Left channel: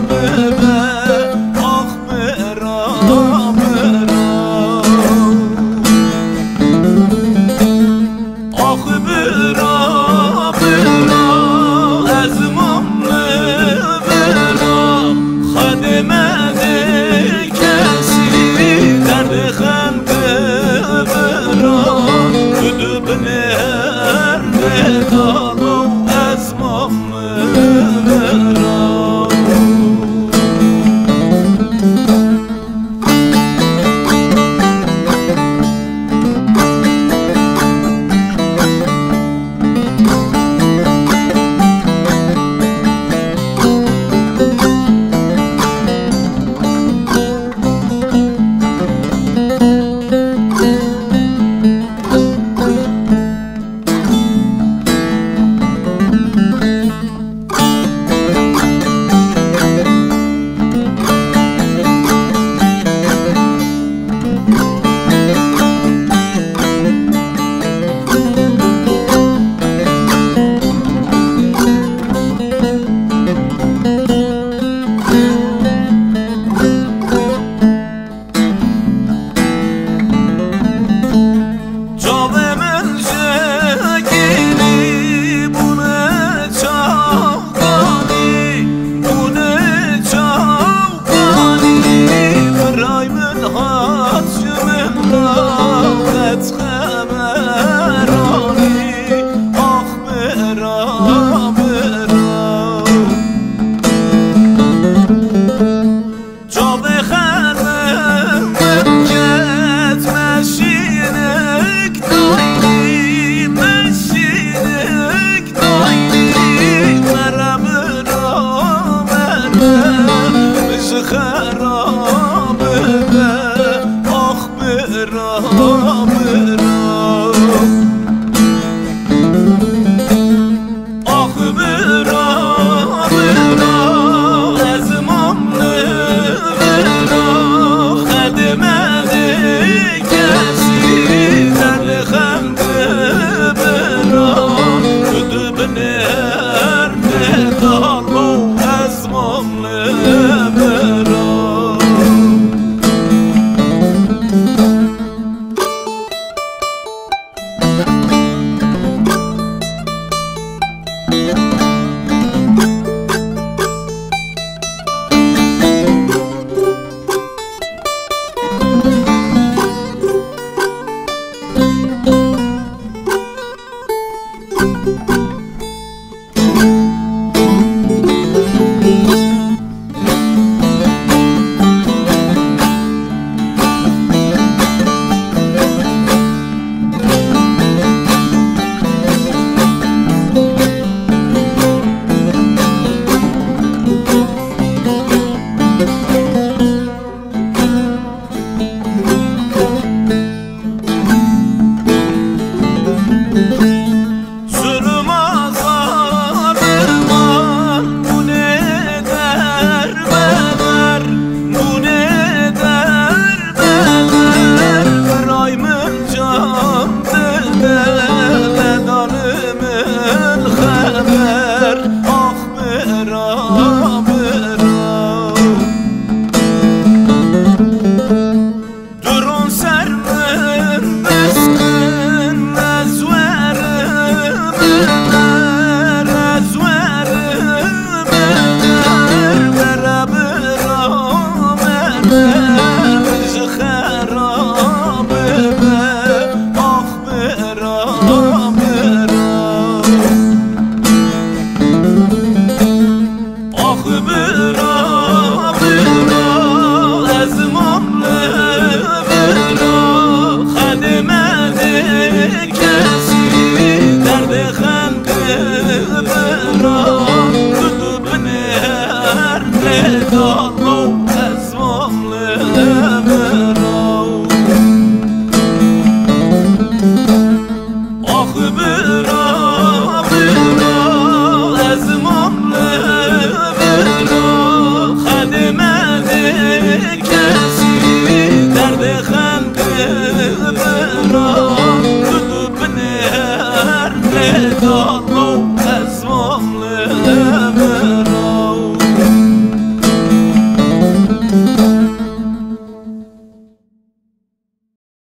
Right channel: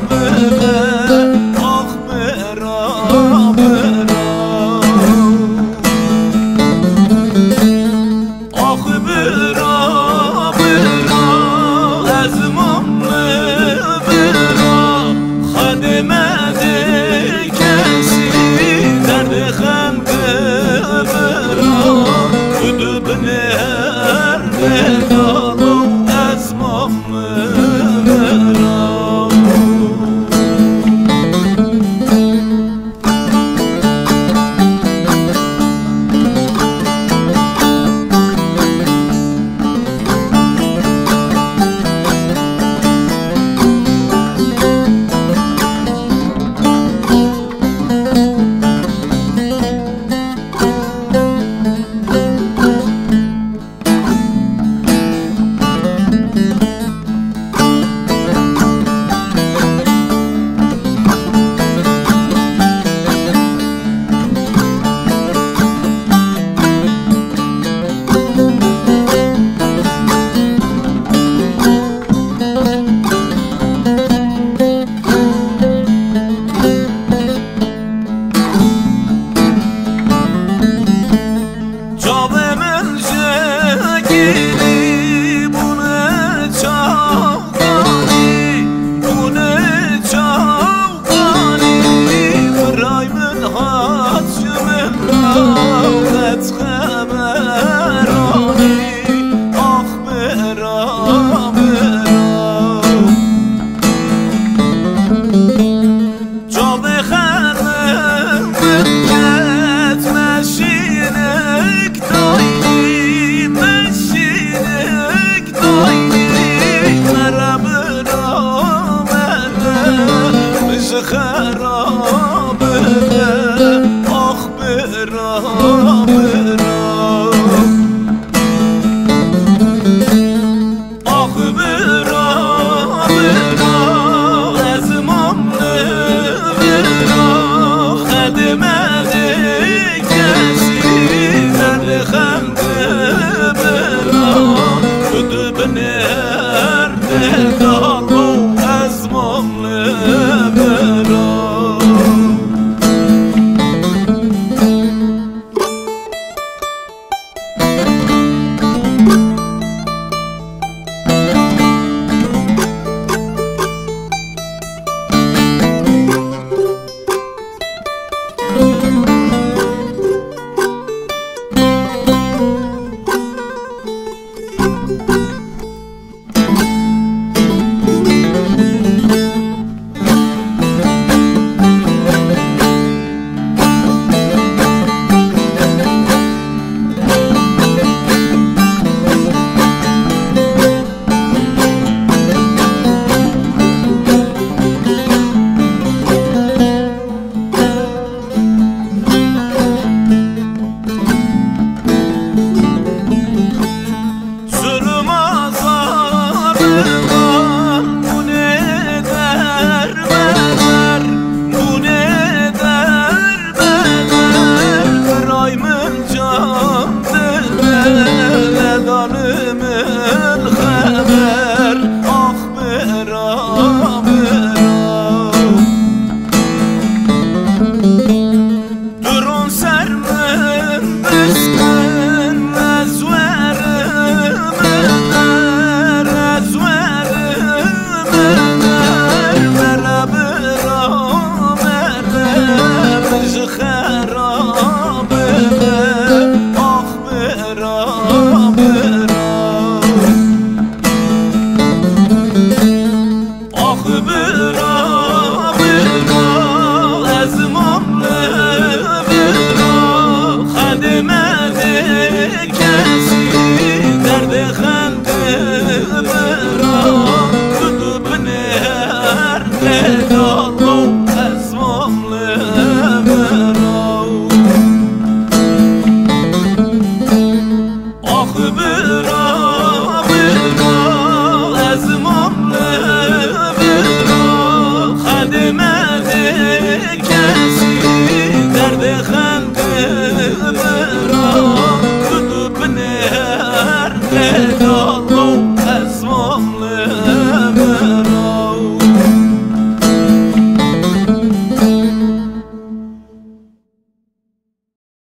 ببه آخ برا برا آخ برا برا از ممله برا خدمده کسی درد خنده برا بدو بنهر ندالو از ممله برا Canımın şekeri bu ne çavgani bu ne çavgani Fırayımın haçımın rahat haberani Ah bera bera Canı xanım ketmeşinek dayni meşinek dayni Mera bera mera bizi xarabe be Ah bera bera Ah bera bera az mamle bera خدمده کسی درد خنده برا بدو بنهر ندالو از ممله برا Ledanimin xəbər Ah bera bera Durun sərmin biskın Əzvəriminər Əzvəriminər Mərə bera mərə Bizi xərabə bə Ah bera Ah bera bera az mamle bera خدمده کسی درد خنده برا بدو بنهر ندالو از ممله برا آخ برا برا از ممله برا خدمده کسی درد خنده برا بدو بنهر ندالو از ممله